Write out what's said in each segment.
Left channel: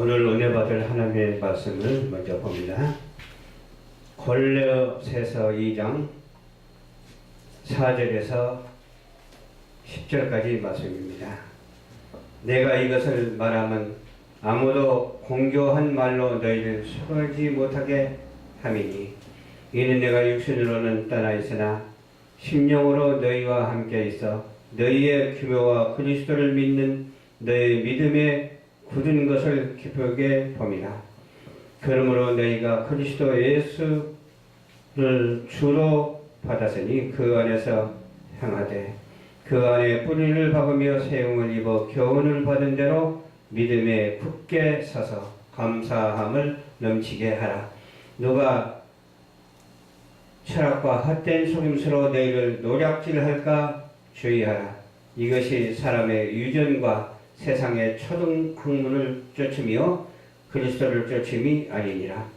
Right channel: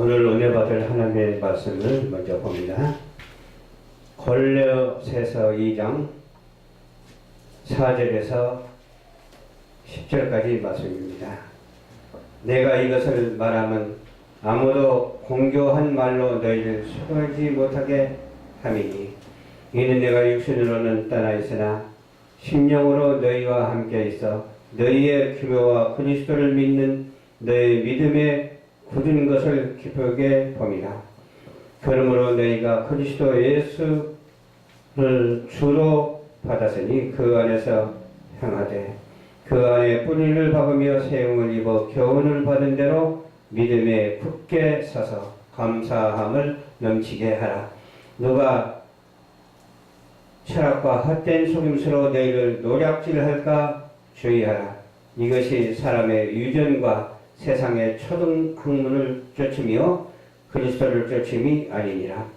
오늘 은혜 받을 하나님의 말씀을 먼저 봅니다. 골로새서 2장 4절에서 10절까지 말씀입니다. 내가 이것을 말하면 아무도 공교한 말로 너희를 속이지 못하게 함이니 이는 내가 육신으로는 떠나 있으나 심령으로 너희와 함께 있어 너희의 규모와 그리스도를 믿는 너희 믿음에 굳은 것을 기쁘게 봅니다. 그러므로 너희가 그리스도 예수를 주로 받았으니 그 안에서 행하되 그 안에 뿌리를 박으며 세움을 입어 교훈을 받은 대로 믿음에 굳게 서서 감사함을 넘치게 하라. 누가 철학과 헛된 속임수로 너희를 노략질할까 주의하라. 이것이 사람의 유전과 세상의 초등학문을 쫓으며 그리스도를 쫓음이 아니니라.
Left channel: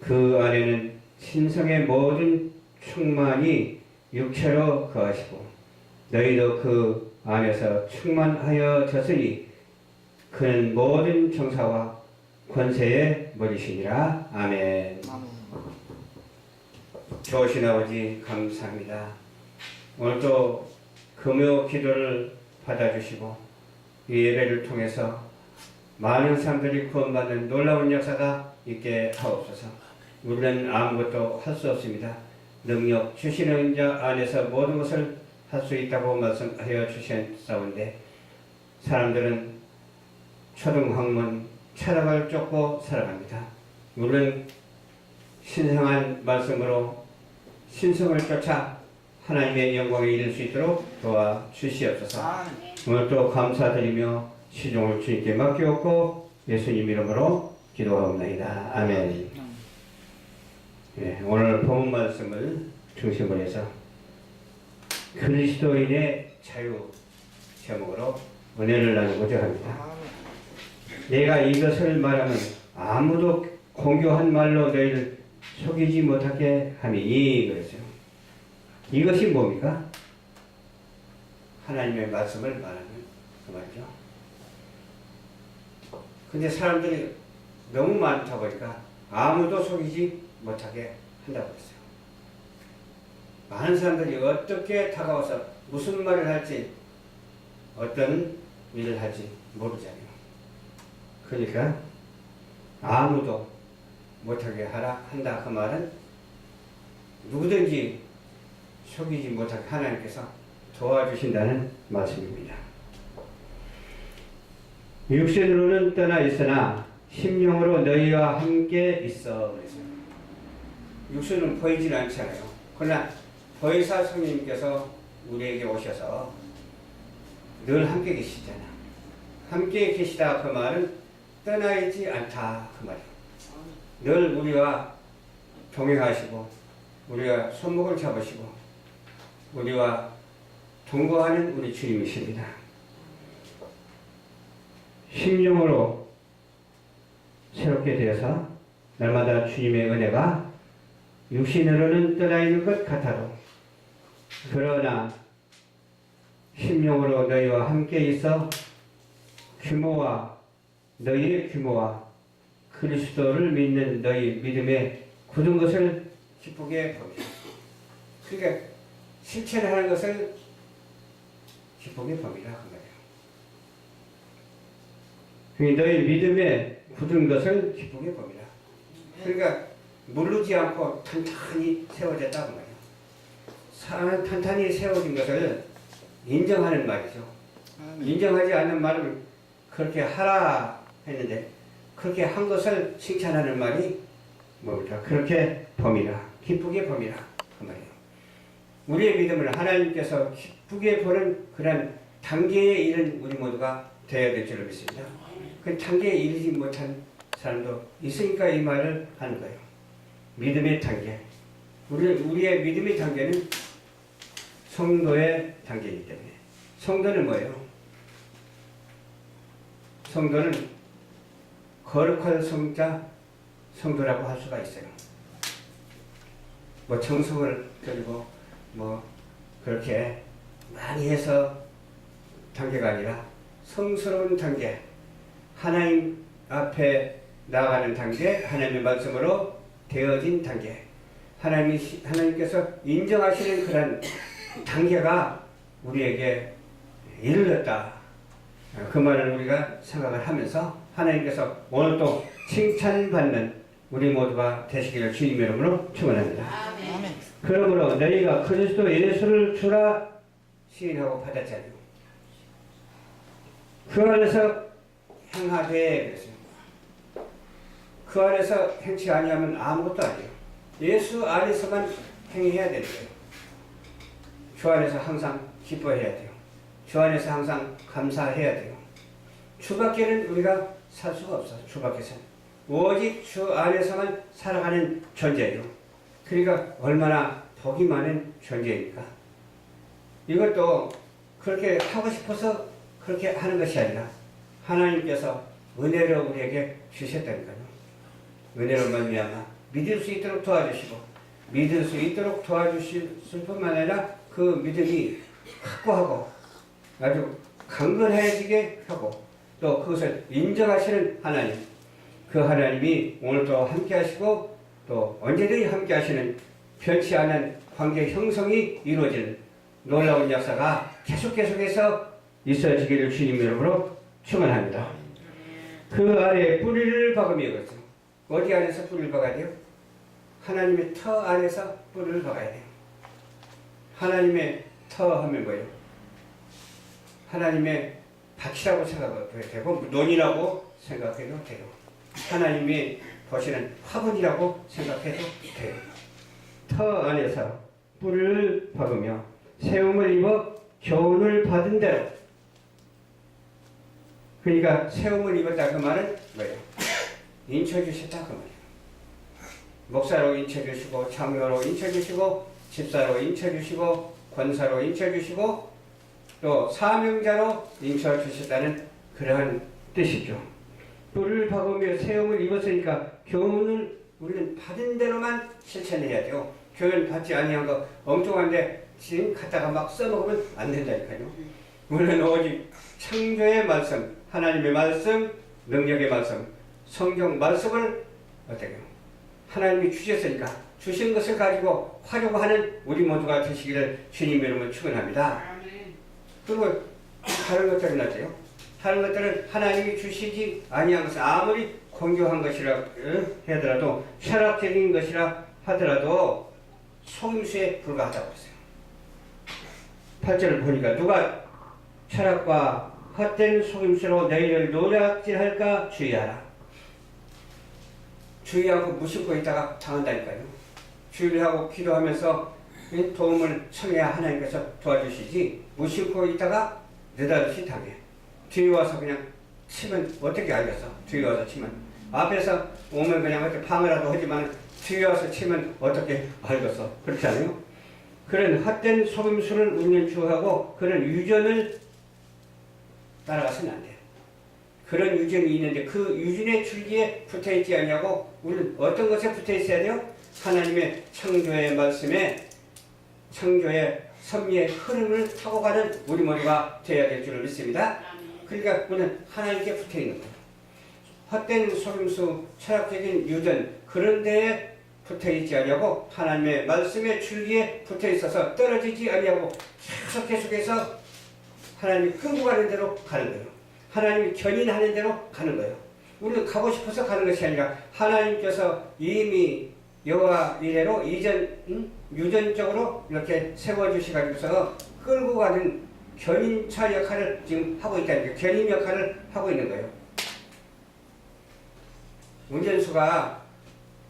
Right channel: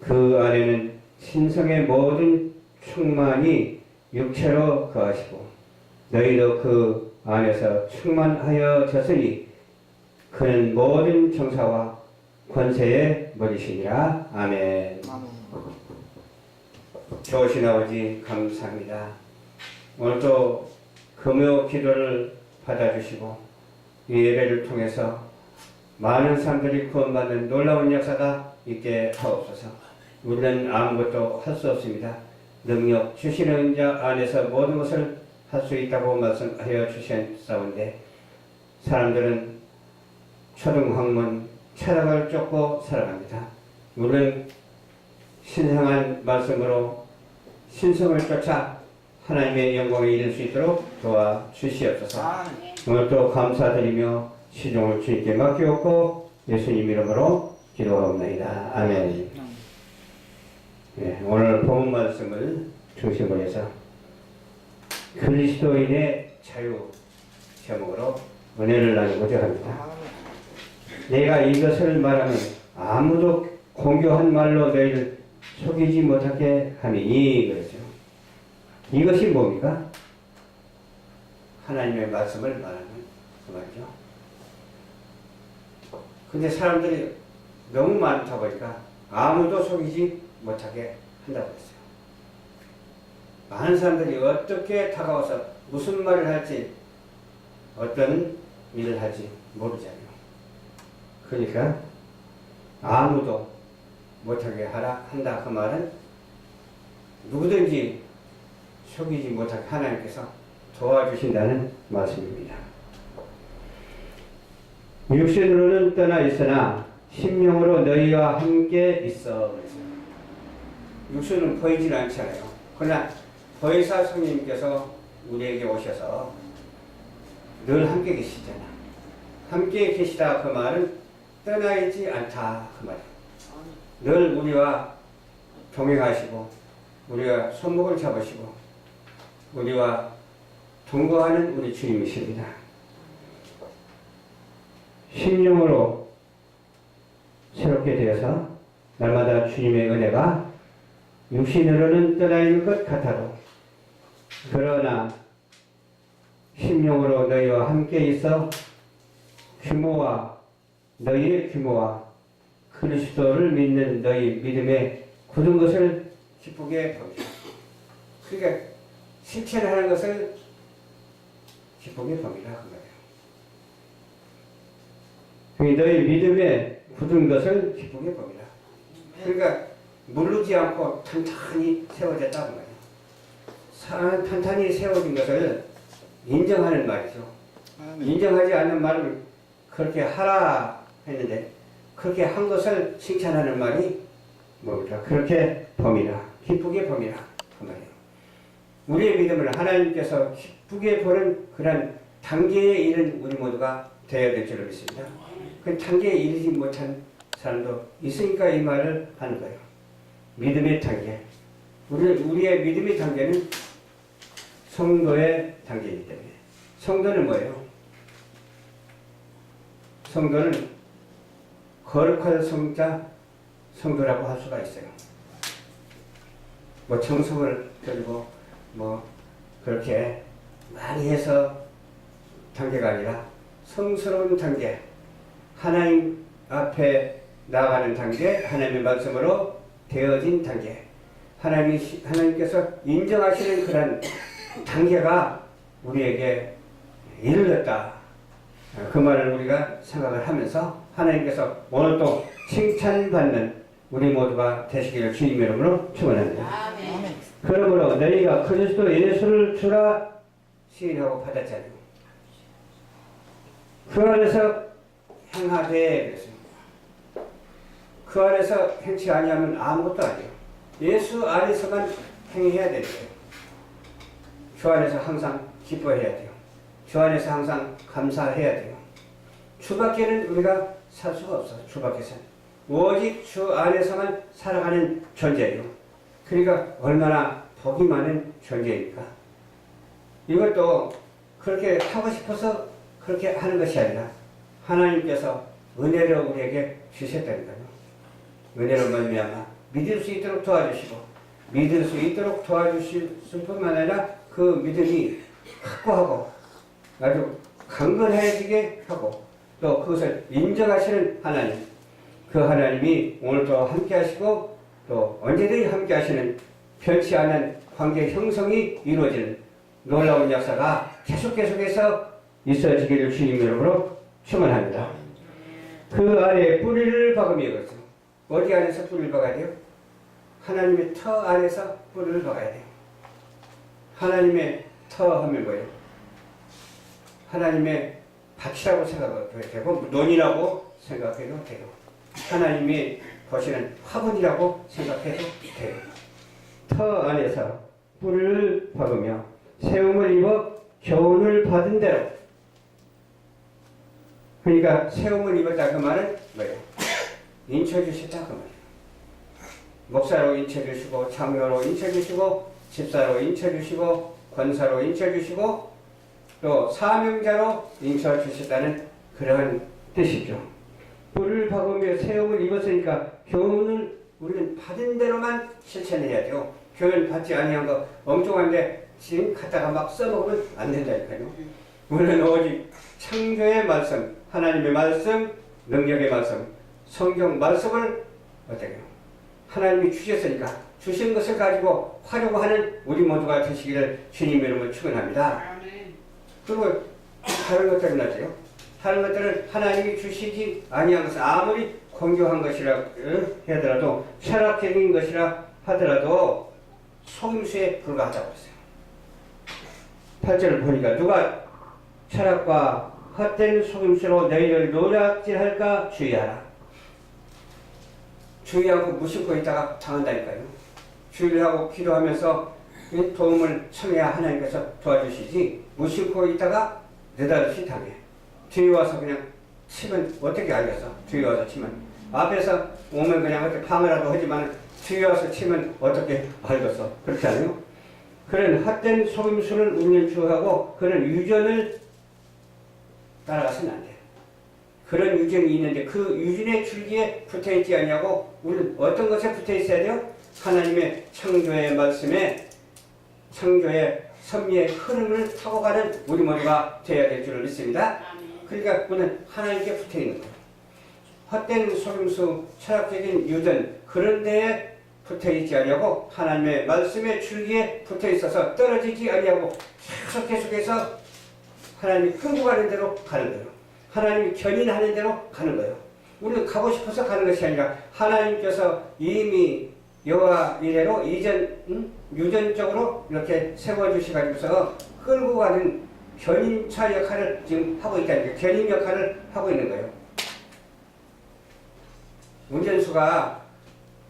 그 안에는 신성의 모든 충만이 육체로 거하시고 너희도 그 안에서 충만하여졌으니 그는 모든 정사와 권세의 머리시니라. 아멘. 좋으신 아버지 감사합니다. 오늘도 금요 기도를 받아주시고 이 예배를 통해서 많은 사람들이 구원받는 놀라운 역사가 있게 하옵소서. 우리는 아무것도 할 수 없습니다. 능력 주시는 자 안에서 모든 것을 할 수 있다고 말씀하여 주셨사온데 사람들은 초등학문 철학을 쫓고 살아갑니다. 우리는 신성한 말씀으로 신성을 쫓아 하나님의 영광에 이를 수 있도록 도와주시옵소서. 오늘도 감사드리며 시종을 주님께 맡기옵고 예수님 이름으로 기도하옵나이다. 아멘. 오늘 본 말씀을 중심으로 해서 그리스도인의 자유 제목으로 은혜를 나누고자 합니다. 내가 이것을 말하면 아무도 공교한 말로 너희를 속이지 못하게 함이니 그랬죠. 이것이 뭡니까? 하나님의 말씀을 말하는 그 말이죠. 근데 사람들이 너무 많다 보니까 아무도 속이지 못하게 한다고 했어요. 많은 사람들이 어떻게 다가와서 무슨 말을 할지 어떤 일을 할지 모르잖아요. 그러니까 아무도 못하게 하라 한다 그 말은 누구든지 속이지 못하게 하나님께서 도와주신다는 말씀입니다. 육신으로는 떠나 있으나 심령으로 너희와 함께 있어 그랬어요. 육신은 보이질 않잖아요. 그러나 보혜사 성령님께서 우리에게 오셔서 늘 함께 계시잖아. 함께 계시다 그 말은 떠나 있지 않다 그 말이에요. 늘 우리와 동행하시고 우리가 손목을 잡으시고 우리와 동거하는 우리 주님이십니다. 심령으로 새롭게 되어서 날마다 주님의 은혜가 육신으로는 떠나 있는 것 같아도 그러나 심령으로 너희와 함께 있어 규모와 너희의 규모와 그리스도를 믿는 너희 믿음에 굳은 것을 기쁘게 봅니다. 그러니까 실천을 하는 것을 기쁘게 봅니다. 그 말이에요. 너희 믿음에 굳은 것을 기쁘게 봅니다. 그러니까 무르지 않고 탄탄히 세워졌다 그 말이에요. 탄탄히 세워진 것을 인정하는 말이죠. 인정하지 않는 말을 그렇게 하라 했는데 그렇게 한 것을 칭찬하는 말이 뭡니까? 그렇게 봅니다. 기쁘게 봅니다. 그 말이에요. 우리의 믿음을 하나님께서 기쁘게 보는 그런 단계에 이른 우리 모두가 되어야 될 줄을 믿습니다. 그 단계에 이르지 못한 사람도 있으니까 이 말을 하는 거예요. 믿음의 단계. 우리의 믿음의 단계는 성도의 단계이기 때문에. 성도는 뭐예요? 성도는 거룩한 성자, 성도라고 할 수가 있어요. 뭐 정성을 들고 뭐 그렇게 많이 해서 단계가 아니라 성스러운 단계, 하나님 앞에 나아가는 단계, 하나님의 말씀으로 되어진 단계, 하나님께서 인정하시는 그런 단계가 우리에게 이르렀다. 그 말을 우리가 생각을 하면서 하나님께서 오늘 또 칭찬받는 우리 모두가 되시기를 주님 이름으로 축원합니다. 아멘. 그러므로 너희가 그리스도 예수를 주라 시인하고 받았잖아요. 그 안에서 행하되 그랬습니다. 그 안에서 행치 아니하면 아무것도 아니에요. 예수 안에서만 행해야 되는 거예요. 주 안에서 항상 기뻐해야 돼요. 주 안에서 항상 감사해야 돼요. 주 밖에는 우리가 살 수가 없어요. 주 밖에서는. 오직 주 안에서만 살아가는 존재예요. 그러니까 얼마나 복이 많은 존재입니까? 이것도 그렇게 하고 싶어서 그렇게 하는 것이 아니라 하나님께서 은혜로 우리에게 주셨다니까요. 은혜로 말미암아 믿을 수 있도록 도와주시고 믿을 수 있도록 도와주실 뿐만 아니라 그 믿음이 확고하고 아주 강건해지게 하고 또 그것을 인정하시는 하나님, 그 하나님이 오늘도 함께 하시고 또 언제든지 함께 하시는 변치 않은 관계 형성이 이루어지는 놀라운 역사가 계속해서 있어지기를 주님 이름으로 축원합니다. 그 아래 뿌리를 박으며 그렇죠. 어디 안에서 뿌리를 박아야 돼요? 하나님의 터 안에서 뿌리를 박아야 돼요. 하나님의 터 하면 뭐예요? 하나님의 밭이라고 생각해도 되고 논이라고 생각해도 돼요. 하나님이 보시는 화분이라고 생각해도 돼요. 터 안에서 뿌리를 박으며 세움을 입어 교훈을 받은 대로. 그러니까 세움을 입었다 그 말은 뭐예요? 인쳐주셨다 그 말이에요. 목사로 인쳐주시고 장로로 인쳐주시고 집사로 인쳐주시고 권사로 인쳐주시고 또 사명자로 인쳐주셨다는 그런 뜻이죠. 뿔을 박으며 세움을 입었으니까 교훈을 우리는 받은 대로만 실천해야죠. 교훈 받지 아니한 거 엉뚱한데 지금 갖다가 막 써먹으면 안 된다니까요. 우리는 오직 창조의 말씀, 하나님의 말씀, 능력의 말씀, 성경 말씀을 어때요? 하나님이 주셨으니까 주신 것을 가지고 활용하는 우리 모두가 되시기를 주님 이름으로 축원합니다. 그리고 다른 것들은 어때요? 다른 것들은 하나님이 주시지 아니한 것은 아무리 공교한 것이라 하더라도 철학적인 것이라 하더라도 속임수에 불과하다고 했어요. 8절을 보니까 누가 철학과 헛된 속임수로 너희를 노략질할까 주의하라. 주의하고 무심코 있다가 당한다니까요. 주의하고 기도하면서 도움을 청해야 하나님께서 도와주시지 무심코 있다가 느닷없이 당해. 뒤에 와서 그냥 치면 어떻게 알겠어? 뒤에 와서 치면. 앞에서 오면 그냥 어떻게 방어라도 하지만 뒤에 와서 치면 어떻게 알겠어? 그렇지 않아요? 그런 헛된 속임수를 우리는 주의하고 그런 유전을 따라가서는 안 돼. 그런 유전이 있는데 그 유전의 줄기에 붙어있지 않냐고 우리는 어떤 것에 붙어있어야 돼요? 하나님의 창조의 말씀에 창조의 섭리의 흐름을 타고 가는 우리 모두가 되어야 될 줄을 믿습니다. 그러니까 우리는 하나님께 붙어있는 거예요. 헛된 속임수, 철학적인 유전 그런 데에 붙어있지 않냐고 하나님의 말씀의 줄기에 붙어있어서 떨어지지 않냐고 계속해서 하나님이 끌고 가는 대로 가는 거예요. 하나님이 견인하는 대로 가는 거예요. 우리는 가고 싶어서 가는 것이 아니라 하나님께서 이미 여호와 이래로 유전적으로 이렇게 세워주셔가지고서 끌고 가는 견인차 역할을 지금 하고 있다는 거예요. 견인 역할을 하고 있는 거예요. 운전수가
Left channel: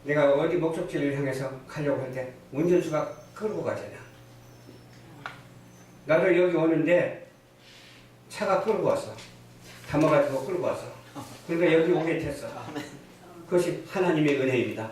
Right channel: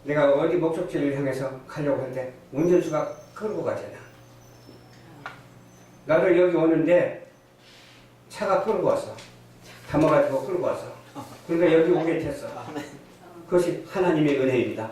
내가 어디 목적지를 향해서 가려고 하는데 운전수가 끌고 가잖아. 나도 여기 오는데 차가 끌고 왔어. 담아가지고 끌고 왔어. 그러니까 여기 오게 됐어. 그것이 하나님의 은혜입니다.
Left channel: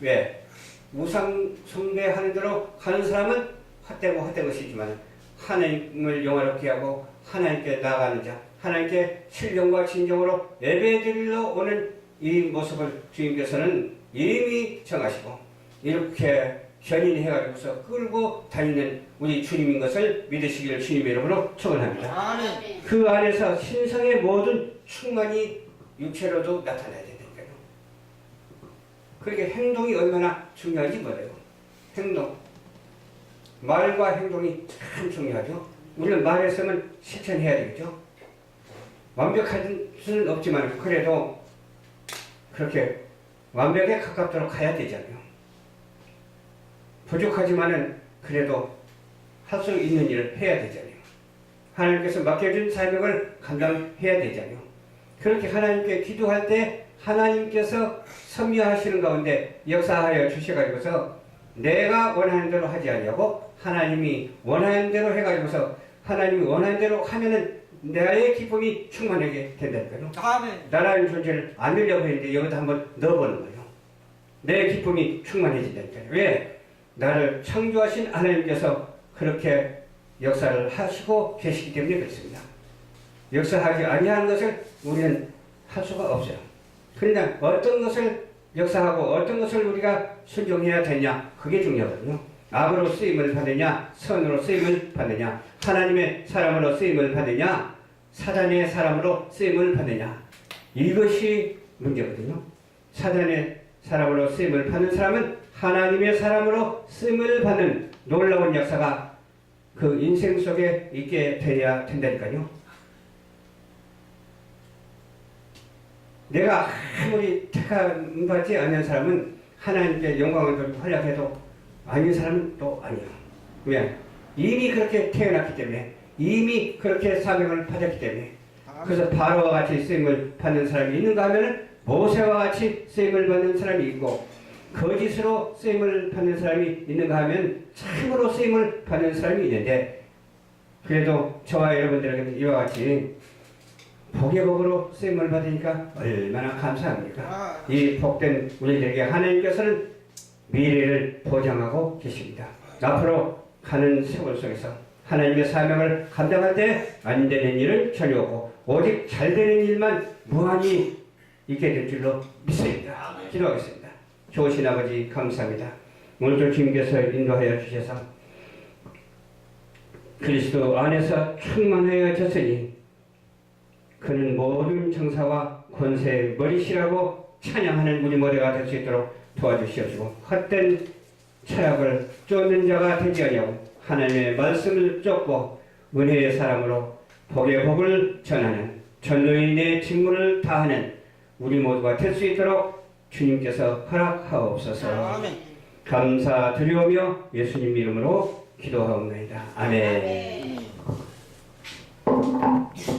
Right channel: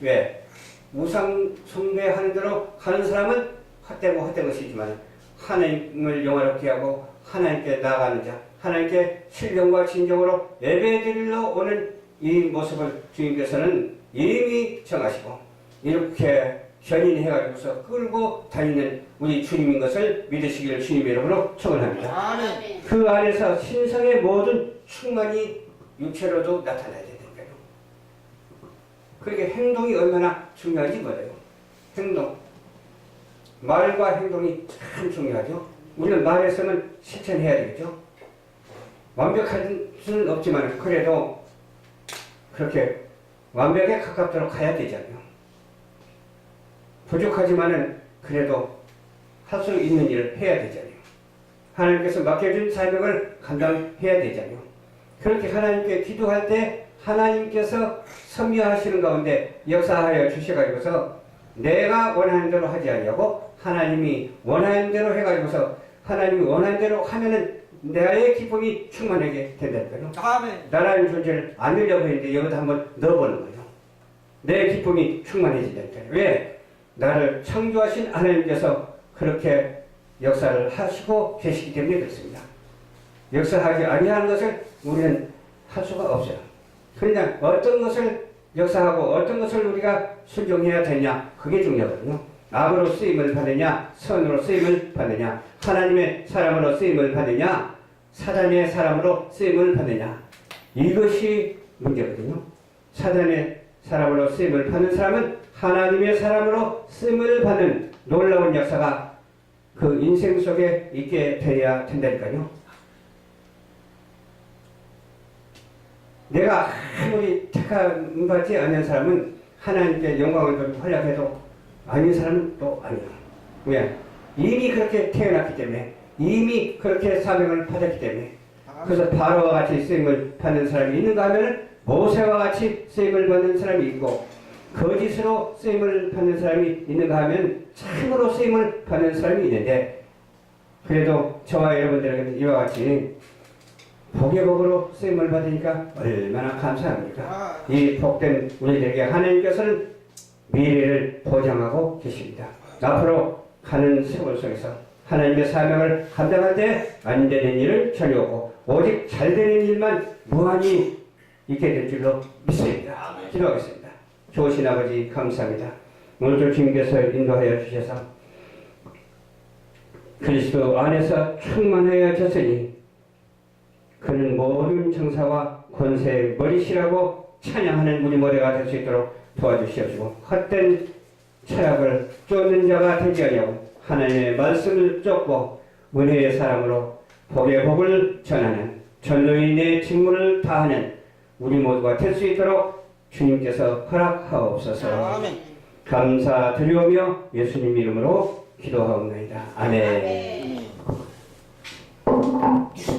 왜? 우상 숭배하는 대로 가는 사람은 헛된 것이지만 하나님을 영화롭게 하고 하나님께 나아가는 자, 하나님께 신령과 진정으로 예배드리러 오는 이 모습을 주님께서는 이미 정하시고 이렇게 견인해가지고서 끌고 다니는 우리 주님인 것을 믿으시기를 주님의 이름으로 축원합니다. 그 안에서 신성의 모든 충만이 육체로도 나타나야 된다니까요. 그러니까 행동이 얼마나 중요한지 몰라요. 행동. 말과 행동이 참 중요하죠. 우리는 말했으면 실천해야 되겠죠. 완벽할 수는 없지만 그래도 그렇게 완벽에 가깝도록 가야 되잖아요. 부족하지만은 그래도 할 수 있는 일을 해야 되잖아요. 하나님께서 맡겨준 사명을 감당해야 되잖아요. 그렇게 하나님께 기도할 때 하나님께서 섭리하시는 가운데 역사하여 주셔가지고서 내가 원하는 대로 하지 아니하고 하나님이 원하는 대로 해가지고서 하나님이 원하는 대로 하면은 나의 기쁨이 충만하게 된다니까요. 나라는 존재를 안 넣으려고 했는데 여기다 한번 넣어보는 거예요. 내 기쁨이 충만해진다니까요. 왜? 나를 창조하신 하나님께서 그렇게 역사를 하시고 계시기 때문에 그렇습니다. 역사하지 아니하는 것을 우리는 할 수가 없어요. 그러나 어떤 것을 역사하고 어떤 것을 우리가 순종해야 되냐, 그게 중요하거든요. 악으로 쓰임을 받느냐, 선으로 쓰임을 받느냐, 하나님의 사람으로 쓰임을 받느냐, 사단의 사람으로 쓰임을 받느냐, 이것이 문제거든요. 사단의 사람으로 쓰임을 받는 사람은 하나님의 사람으로 쓰임을 받는 놀라운 역사가 그 인생 속에 있게 되어야 된다니까요. 내가 아무리 택함받지 않는 사람은 하나님께 영광을 돌리고 활약해도 아닌 사람은 또 아니에요. 왜? 이미 그렇게 태어났기 때문에, 이미 그렇게 사명을 받았기 때문에. 그래서 바로와 같이 쓰임을 받는 사람이 있는가 하면은 모세와 같이 쓰임을 받는 사람이 있고, 거짓으로 쓰임을 받는 사람이 있는가 하면 참으로 쓰임을 받는 사람이 있는데, 그래도 저와 여러분들에게는 이와 같이 복의 복으로 쓰임을 받으니까 얼마나 감사합니까? 이 복된 우리들에게 하나님께서는 미래를 보장하고 계십니다. 앞으로 가는 세월 속에서 하나님의 사명을 감당할 때 안 되는 일은 전혀 없고 오직 잘 되는 일만 무한히 있게 될 줄로 믿습니다. 기도하겠습니다. 좋으신 아버지 감사합니다. 오늘도 주님께서 인도하여 주셔서 그리스도 안에서 충만하여졌으니 그는 모든 정사와 권세의 머리시라고 찬양하는 우리 모두가 될 수 있도록 도와주시옵시고, 헛된 철학을 쫓는 자가 되지 아니하고 하나님의 말씀을 쫓고 은혜의 사람으로 복의 복을 전하는 전도인의 직무를 다하는 우리 모두가 될 수 있도록 주님께서 허락하옵소서. 감사드리오며 예수님 이름으로 기도하옵나이다. 아멘.